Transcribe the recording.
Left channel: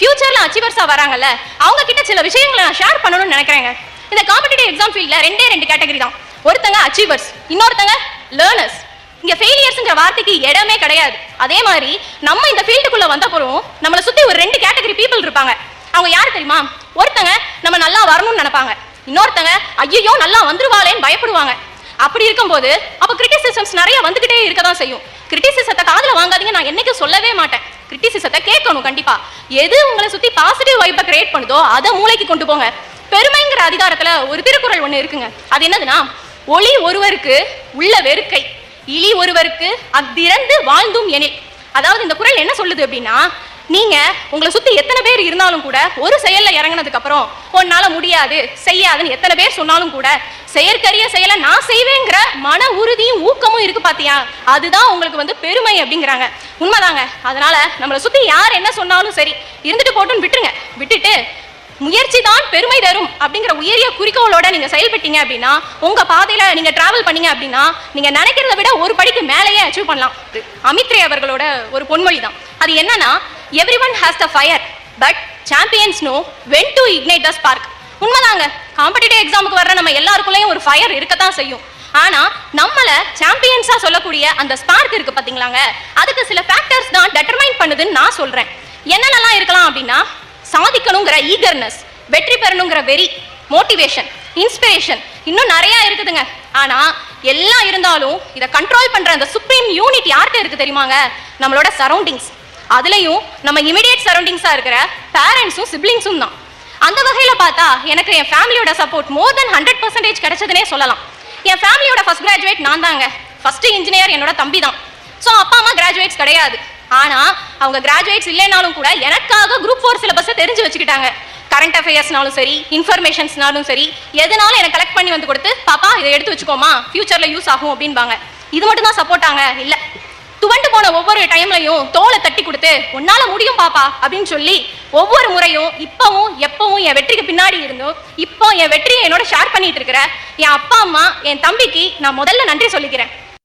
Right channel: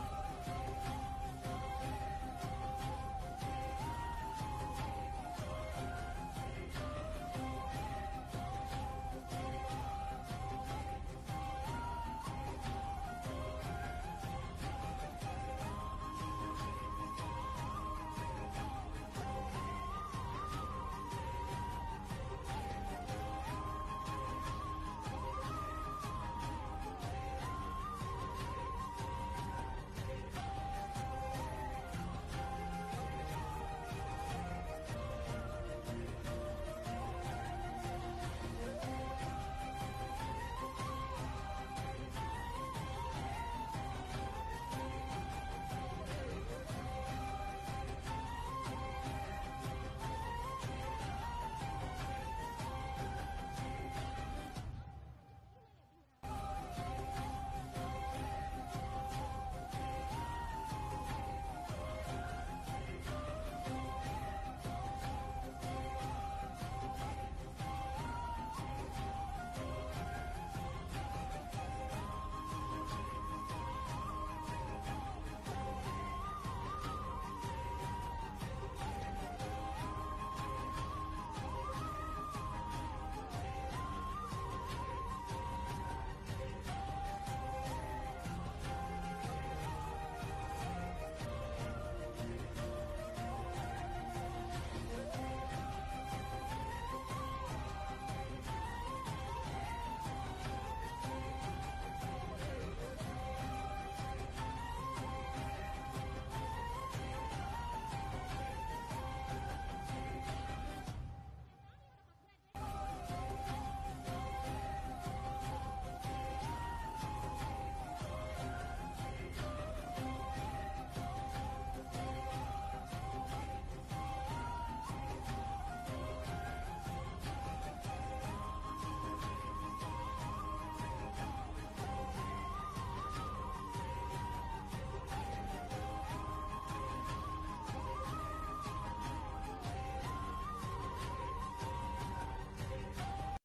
ஃபியூச்சர்ல அச்சீவர்ஸா வராங்கல்ல, அவங்க கிட்ட சில விஷயங்களை நான் ஷேர் பண்ணணும்னு நினைக்கிறேங்க. இந்த காம்படிட்டிவ் எக்ஸாம் ஃபீல்ட்ல ரெண்டு கேட்டகரி தான். ஒருத்தங்க அச்சீவர்ஸ், இன்னொருத்தங்க லேர்னர்ஸ். இங்க ஃபெயிலியர்ஸ்ங்கிற வார்த்தைக்கு இடமே கிடையாது. அதே மாதிரி நம்ம இந்த ஃபீல்டுக்குள்ள வந்த போறோம், நம்மளை சுத்தி ஒரு 2 கேட்டகரி பீப்புள் இருப்பாங்க. அவங்க யாரு தெரியுமா? ஒருத்தங்க நம்ம நல்லா வரணும்னு நினைப்பாங்க, இன்னொருத்தங்க ஐயோ நல்லா வந்துருவாளேன்னு பயப்படுவாங்க. அப்படி இருக்கும்போது அப்ப கிரிட்டிசிசம்ஸ் நிறைய வந்துகிட்டே இருக்க தான் செய்யும். கிரிட்டிசிசத்தை காதுல வாங்காதீங்க, நான் என்னைக்கும் சொல்லவே மாட்டேன். கிரிட்டிசிசத்தை கேட்கணும் கண்டிப்பா. எது உங்களை சுத்தி பாசிட்டிவ் வைப்பை கிரியேட் பண்ணுதோ அதை மூளைக்கு கொண்டு போங்க. பெருமைங்கிற அதிகாரத்துல ஒரு திருக்குறள் ஒண்ணு இருக்குங்க. அது என்னதுன்னா, ஒளி ஒருவருக்கு உள்ள வெறுக்கை, இழி ஒருவருக்கு அத்திறந்து வாழ்ந்தும் எனில். அதாவது இந்த குறள் என்ன சொல்லுது அப்படின்னா, நீங்க உங்களை சுத்தி எத்தனை பேர் இருந்தாலும் கூட ஒரு செயல்ல இறங்கினதுக்கு அப்புறம் உன்னால முடியாது செய்யாதுன்னு எத்தனை பேர் சொன்னாலும் கூட செயற்கரிய செயலை நான் செய்வேங்கிற மன உறுதியும் ஊக்கமும் இருக்கு பாத்தியா, அதுதான் உங்களுக்கு பெருமை அப்படிங்கிறாங்க. உண்மைதாங்க. அதனால நம்மளை சுத்தி யார் என்ன சொன்னாலும் சரி, இருந்துட்டு போட்டுன்னு விட்டுருங்க. விட்டுட்டு முயற்சி தான் பெருமை தரும் அப்படிங்கிற உயரிய குறிக்கோளோட நீங்க செயல்பட்டீங்க அப்படின்னா, உங்க பாதையில நீங்க டிராவல் பண்ணீங்க அப்படின்னா, நீங்க நினைக்கிறத விட ஒரு படிக்கு மேலேயே அச்சீவ் பண்ணலாம். அமித்ரே அவர்களோட ஒரு பொன்மொழி தான். அது என்னன்னா, everyone has the fire but champions know when to ignite the spark. உண்மைதாங்க. காம்படிட்டிவ் எக்ஸாமுக்கு வர்ற நம்ம எல்லாருக்குள்ளேயும் ஒரு ஃபயர் இருக்கத்தான் செய்யும். ஆனா நம்மள சாம்பியன்ஸா சொல்லக்கூடிய அந்த ஸ்பார்க் இருக்கு பாத்தீங்களாங்க, அதுக்கு சில ஃபேக்டர்ஸ் தான் டெட்டர்மைன் பண்ணுதுன்னு நான் சொல்றேன். என்னென்னலாம் இருக்கலாம் அப்படின்னா, சாதிக்கணுங்கிற ஈகர்னஸ், வெற்றி பெறணுங்கிற வெறி, மோட்டிவேஷன், இன்ஸ்பிரேஷன், இன்னும் நிறைய இருக்குதுங்க. ஆனா எல்லாம் இருந்தாலும் இதை கண்ட்ரோல் பண்ற அந்த சுப்ரீம் யூனிட் யார்கிட்ட இருக்கு தெரியுமாங்க? நம்மளோட சரௌண்டிங்ஸ். அதுலயும் நம்ம இமிடியேட் சரௌண்டிங்ஸா இருக்கிற பேரண்ட்ஸும் சிப்ளிங்ஸும் தான். அந்த வகையில பார்த்தா எனக்கு என் ஃபேமிலியோட சப்போர்ட் மோர் தென் 100% கிடைச்சதுனே சொல்லலாம். என் ஃபேமிலியோட ஃபர்ஸ்ட் கிராஜுவேட் நான் தாங்க. ஃபர்ஸ்ட் இன்ஜினியர் என்னோட தம்பி தான். ஸோ அப்பா அம்மா கிராஜுவேட்ஸ் கிடையாது. ஆனா அவங்க கிராஜுவேட்ஸ் இல்லைனாலும் கூட எனக்காக குரூப் 4 சிலபஸை தெரிஞ்சு வச்சுக்கிட்டாங்க. கரண்ட் அஃபேர்ஸ்னாலும் சரி, இன்ஃபர்மேஷன்ஸ்னாலும் சரி, எதனாலும் எனக்கு கலெக்ட் பண்ணி வந்து கொடுத்து, பாப்பா இதை எடுத்து வச்சுக்கோமா, ஃபியூச்சர்ல யூஸ் ஆகும் அப்படின்பாங்க. இது மட்டும் தான் சப்போர்ட்டாங்க இல்ல, துவண்டு போன ஒவ்வொரு டைம்லையும் தோலை தட்டி கொடுத்து உன்னால முடியும் பாப்பா அப்படின்னு சொல்லி ஒவ்வொரு முறையும் இப்பவும் எப்பவும் என் வெற்றிக்கு பின்னாடி இருந்தும் இப்போ என் வெற்றியை என்னோட ஷேர் பண்ணிட்டு இருக்கிற என் அப்பா அம்மா, என் தம்பிக்கு நான் முதல்ல நன்றி சொல்லிக்கிறேன்.